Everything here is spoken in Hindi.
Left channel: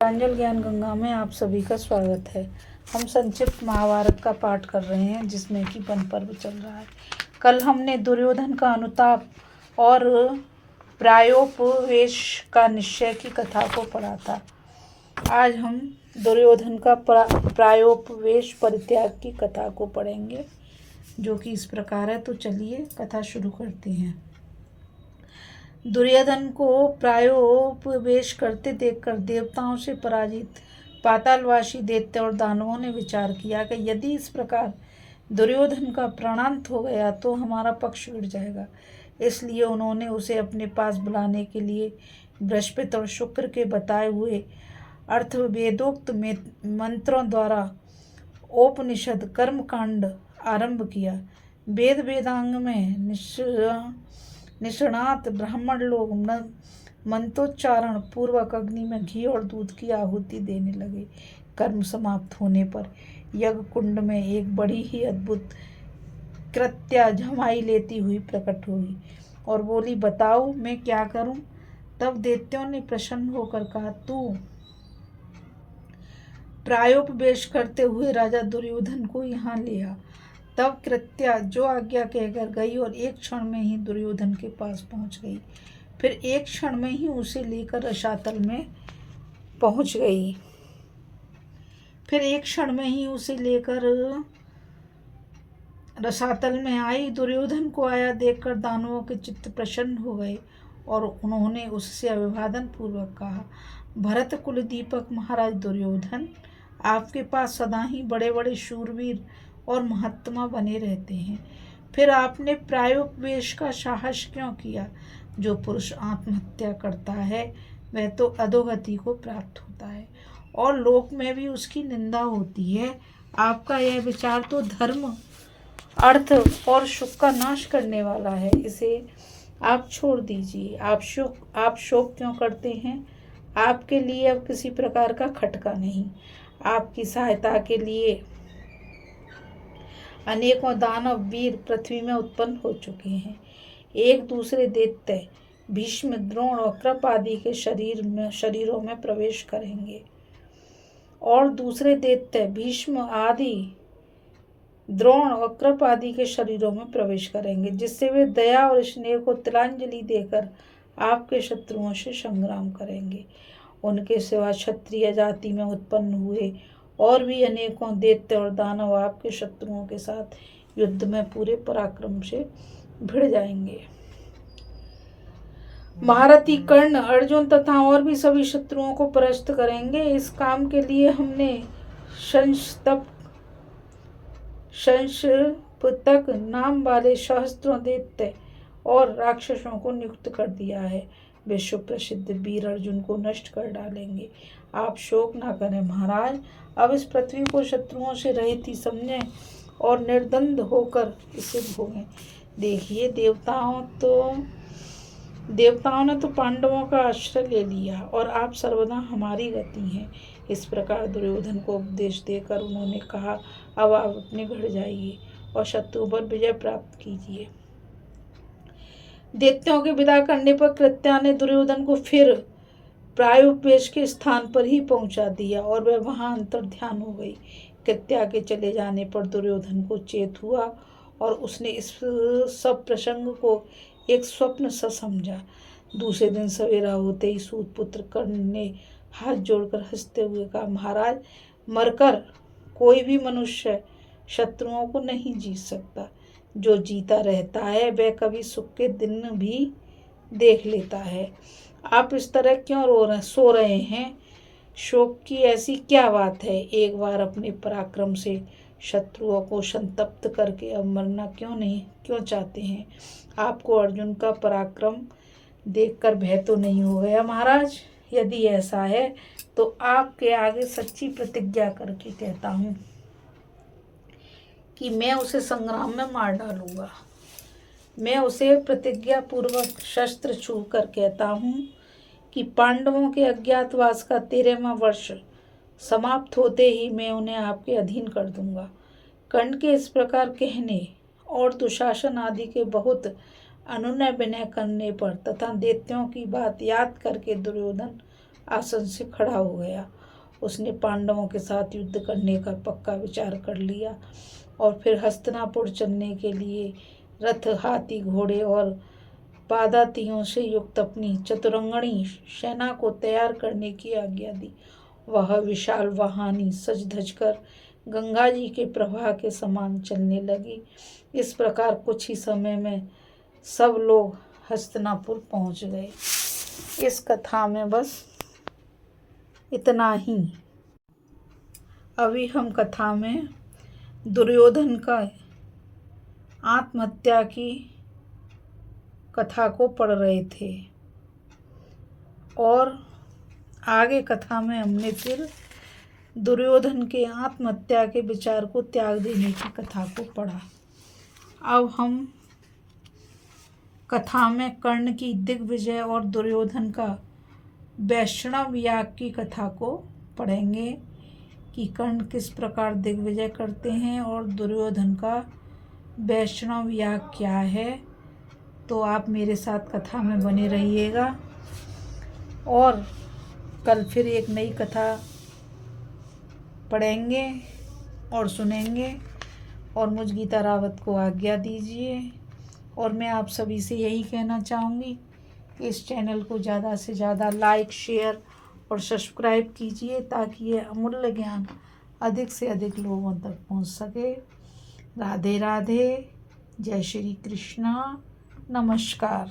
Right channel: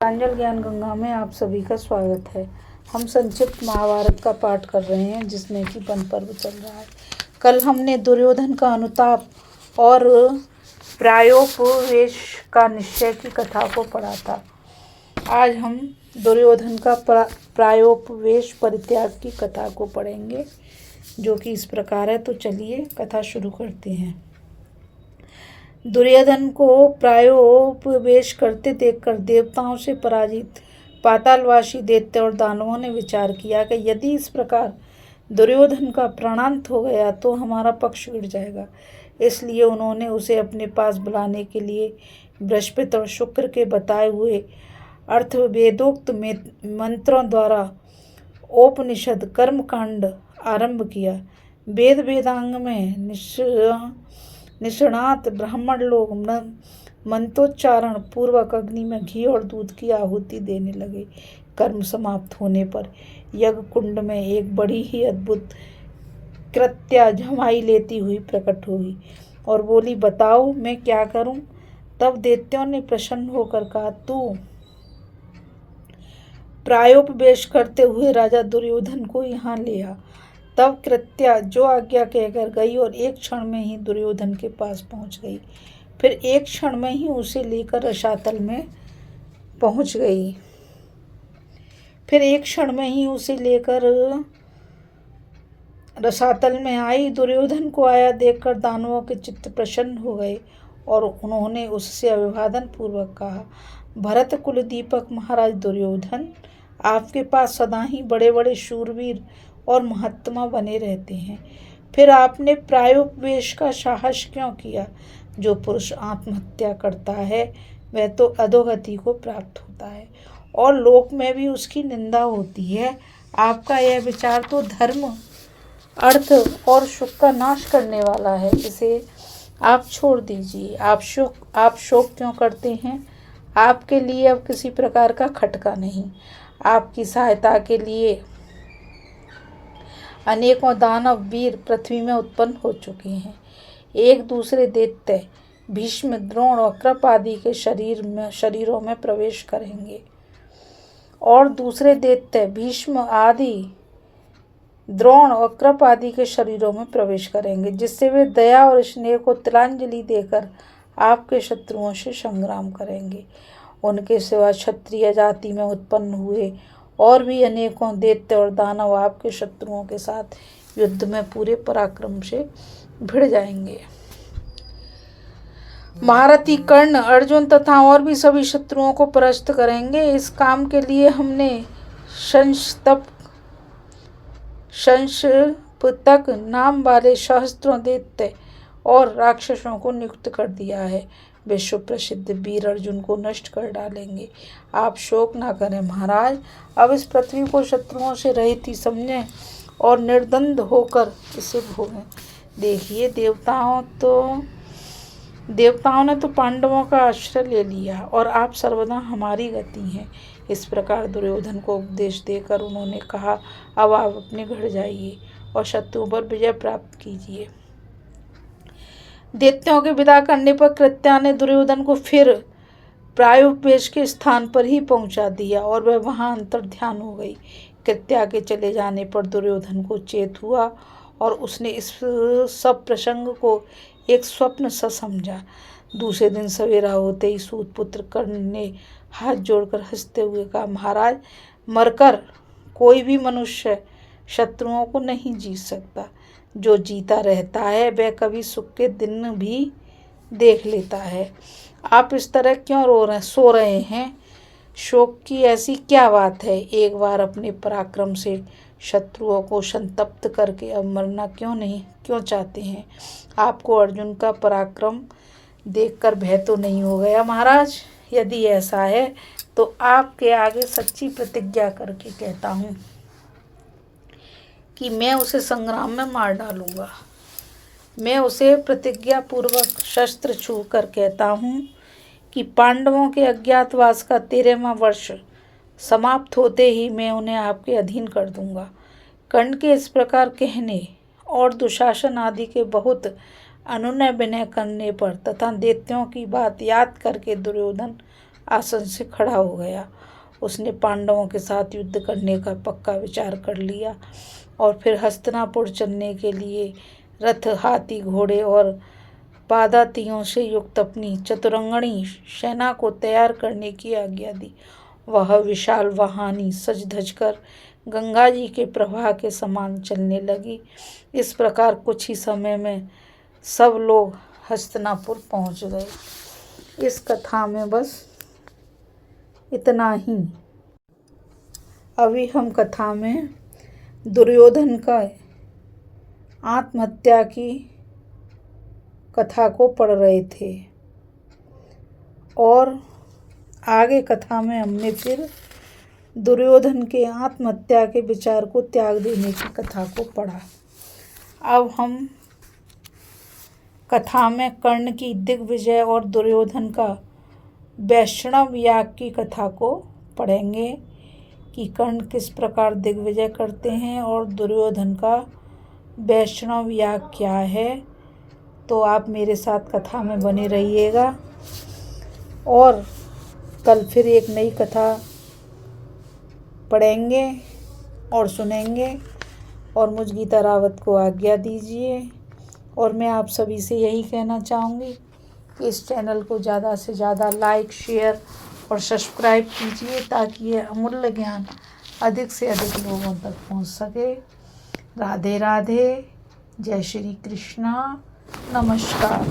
प्रांजल ज्ञान गंगा में आप सभी का स्वागत है। हम संक्षिप्त महाभारत का पाठ कर रहे हैं जिसमें कि वन पर्व चल रहा है। कल हमने दुर्योधन का अनुताप और प्रायोपवेश का निश्चय की कथा को पढ़ा था। आज हम दुर्योधन का प्रायोपवेश परित्याग की कथा को पढ़ेंगे जो कि इस प्रकार है। तो चलिए कथा शुरू करते हैं। दुर्योधन को प्रायोपवेश करते देखकर देवताओं से पराजित पातालवासी दैत्य और दानवों ने विचार किया कि यदि इस प्रकार दुर्योधन का प्राणांत हो गया तो हमारा पक्ष गिर जाएगा। इसलिए उन्होंने उसे अपने पास बुलाने के लिए बृहस्पति और शुक्र के बताए हुए अर्थवेदोक्त मंत्रों द्वारा उपनिषद कर्मकांड आरंभ किया। वेद वेदांग में निष्णात ब्राह्मण लोग मंत्रोच्चारण पूर्वक अग्नि में घी और दूध की आहुति देने लगे। कर्म समाप्त होने पर यज्ञ कुंड में एक बड़ी ही अद्भुत कृत्या झमाई लेती हुई प्रकट हुई और बोली, बताओ मैं क्या करूं? तब दैत्यों ने प्रसन्न होकर कहा, तू प्रायोपवेश करते हुए राजा दुर्योधन को यहाँ ले आ। तब कृत्या जो आज्ञा कहकर गई और एक क्षण में ही दुर्योधन के पास पहुंच गई। फिर एक क्षण में ही उसे लेकर रसातल में पहुंच गई। फिर एक क्षण में ही उसे लेकर रसातल में आई। दुर्योधन को आया देखकर दानवों के चित्त प्रसन्न हो गए और उन्होंने उससे अभिवादन पूर्वक कहा, भरत कुल दीपक महाराज दुर्योधन, आपके पास सदा ही बड़े बड़े शूरवीर और महात्मा बने रहते हैं। फिर आपने प्रायोपवेश का साहस क्यों किया? जो पुरुष आत्महत्या करता है वह तो अधोगति को प्राप्त होता है और लोक में भी उसकी निंदा होती है। आपका यह विचार तो धर्म, अर्थ और सुख का नाश करने वाला है। इसे आप छोड़ दीजिए। आप शोक क्यों करते हैं? आपके लिए अब किसी प्रकार का खटका नहीं। आपकी सहायता के लिए अनेकों दानव वीर पृथ्वी में उत्पन्न हो चुके हैं। एक दूसरे दैत्य भीष्म, द्रोण और कृप आदि के शरीरों में प्रवेश करेंगे और दूसरे दैत्य भीष्म आदि, द्रोण और कृप आदि के शरीरों में प्रवेश करेंगे, जिससे वे दया और स्नेह को तिलांजलि देकर आपके शत्रुओं से संग्राम करेंगे। उनके सिवा क्षत्रिय जाति में उत्पन्न हुए और भी अनेकों दैत्य और दानव आपके शत्रुओं के साथ युद्ध में पूरे पराक्रम से भिड़ जाएंगे। महारथी कर्ण, अर्जुन तथा और भी सभी शत्रुओं को परास्त करेंगे। इस काम के लिए हमने संशपतक नाम वाले सहस्त्रों दैत्य और राक्षसों को नियुक्त कर दिया है। विश्व प्रसिद्ध वीर अर्जुन को नष्ट कर डालेंगे। आप शोक ना करें महाराज। अब इस पृथ्वी को शत्रुओं से रहित ही समझें और निर्द्वंद होकर इसे भोगें। देखिए, देवताओं ने तो पांडवों का आश्रय ले लिया और आप सर्वदा हमारी गति हैं। इस प्रकार दुर्योधन को उपदेश देकर उन्होंने कहा, अब आप अपने घर जाइए और शत्रुओं पर विजय प्राप्त कीजिए। दैत्यों के विदा करने पर कृत्या ने दुर्योधन को फिर प्रायोपवेश के स्थान पर ही पहुंचा दिया और वह वहां अंतर्ध्यान हो गई। कृत्या के चले जाने पर दुर्योधन को चेत हुआ और उसने इस सब प्रसंग को एक स्वप्न सा समझा। दूसरे दिन सवेरा होते ही सूतपुत्र कर्ण ने हाथ जोड़कर हंसते हुए कहा, महाराज, मरकर कोई भी मनुष्य शत्रुओं को नहीं जीत सकता। जो जीता रहता है वह कभी सुख के दिन भी देख लेता है। आप इस तरह क्यों सो रहे हैं? शोक की ऐसी क्या बात है? एक बार अपने पराक्रम से शत्रुओं को संतप्त करके अब मरना क्यों चाहते हैं? आपको अर्जुन का पराक्रम देखकर भय तो नहीं हो गया महाराज? यदि ऐसा है तो आपके आगे सच्ची प्रतिज्ञा करके कहता हूँ कि मैं उसे संग्राम में मार डालूंगा। मैं उसे प्रतिज्ञा पूर्वक शस्त्र छू कर कहता हूँ कि पांडवों के अज्ञातवास का 13वां वर्ष समाप्त होते ही मैं उन्हें आपके अधीन कर दूंगा। कर्ण के इस प्रकार कहने और दुशासन आदि के बहुत अनुनय विनय करने पर तथा दैत्यों की बात याद करके दुर्योधन आसन से खड़ा हो गया। उसने पांडवों के साथ युद्ध करने का पक्का विचार कर लिया और फिर हस्तिनापुर चलने के लिए रथ, हाथी, घोड़े और पादातियों से युक्त अपनी चतुरंगणी सेना को तैयार करने की आज्ञा दी। वह विशाल वाहिनी सज धज कर गंगा जी के प्रवाह के समान चलने लगी। इस प्रकार कुछ ही समय में सब लोग हस्तिनापुर पहुंच गए। इस कथा में बस इतना ही। अभी हम कथा में दुर्योधन का आत्महत्या की कथा को पढ़ रहे थे और आगे कथा में हमने फिर दुर्योधन के आत्महत्या के विचार को त्याग देने की कथा को पढ़ा। अब हम कथा में कर्ण की दिग्विजय और दुर्योधन का वैष्णव याग की कथा को पढ़ेंगे कि कर्ण किस प्रकार दिग्विजय करते हैं और दुर्योधन का वैष्णव याग क्या है। तो आप मेरे साथ कथा में बने रहिएगा और कल फिर एक नई कथा पढ़ेंगे और सुनेंगे। और मुझ गीता रावत को आज्ञा दीजिए। और मैं आप सभी से यही कहना चाहूँगी कि इस चैनल को ज़्यादा से ज़्यादा लाइक, शेयर और सब्सक्राइब कीजिए ताकि ये अमूल्य ज्ञान अधिक से अधिक लोगों तक पहुँच सके। राधे राधे, जय श्री कृष्णा, नमस्कार।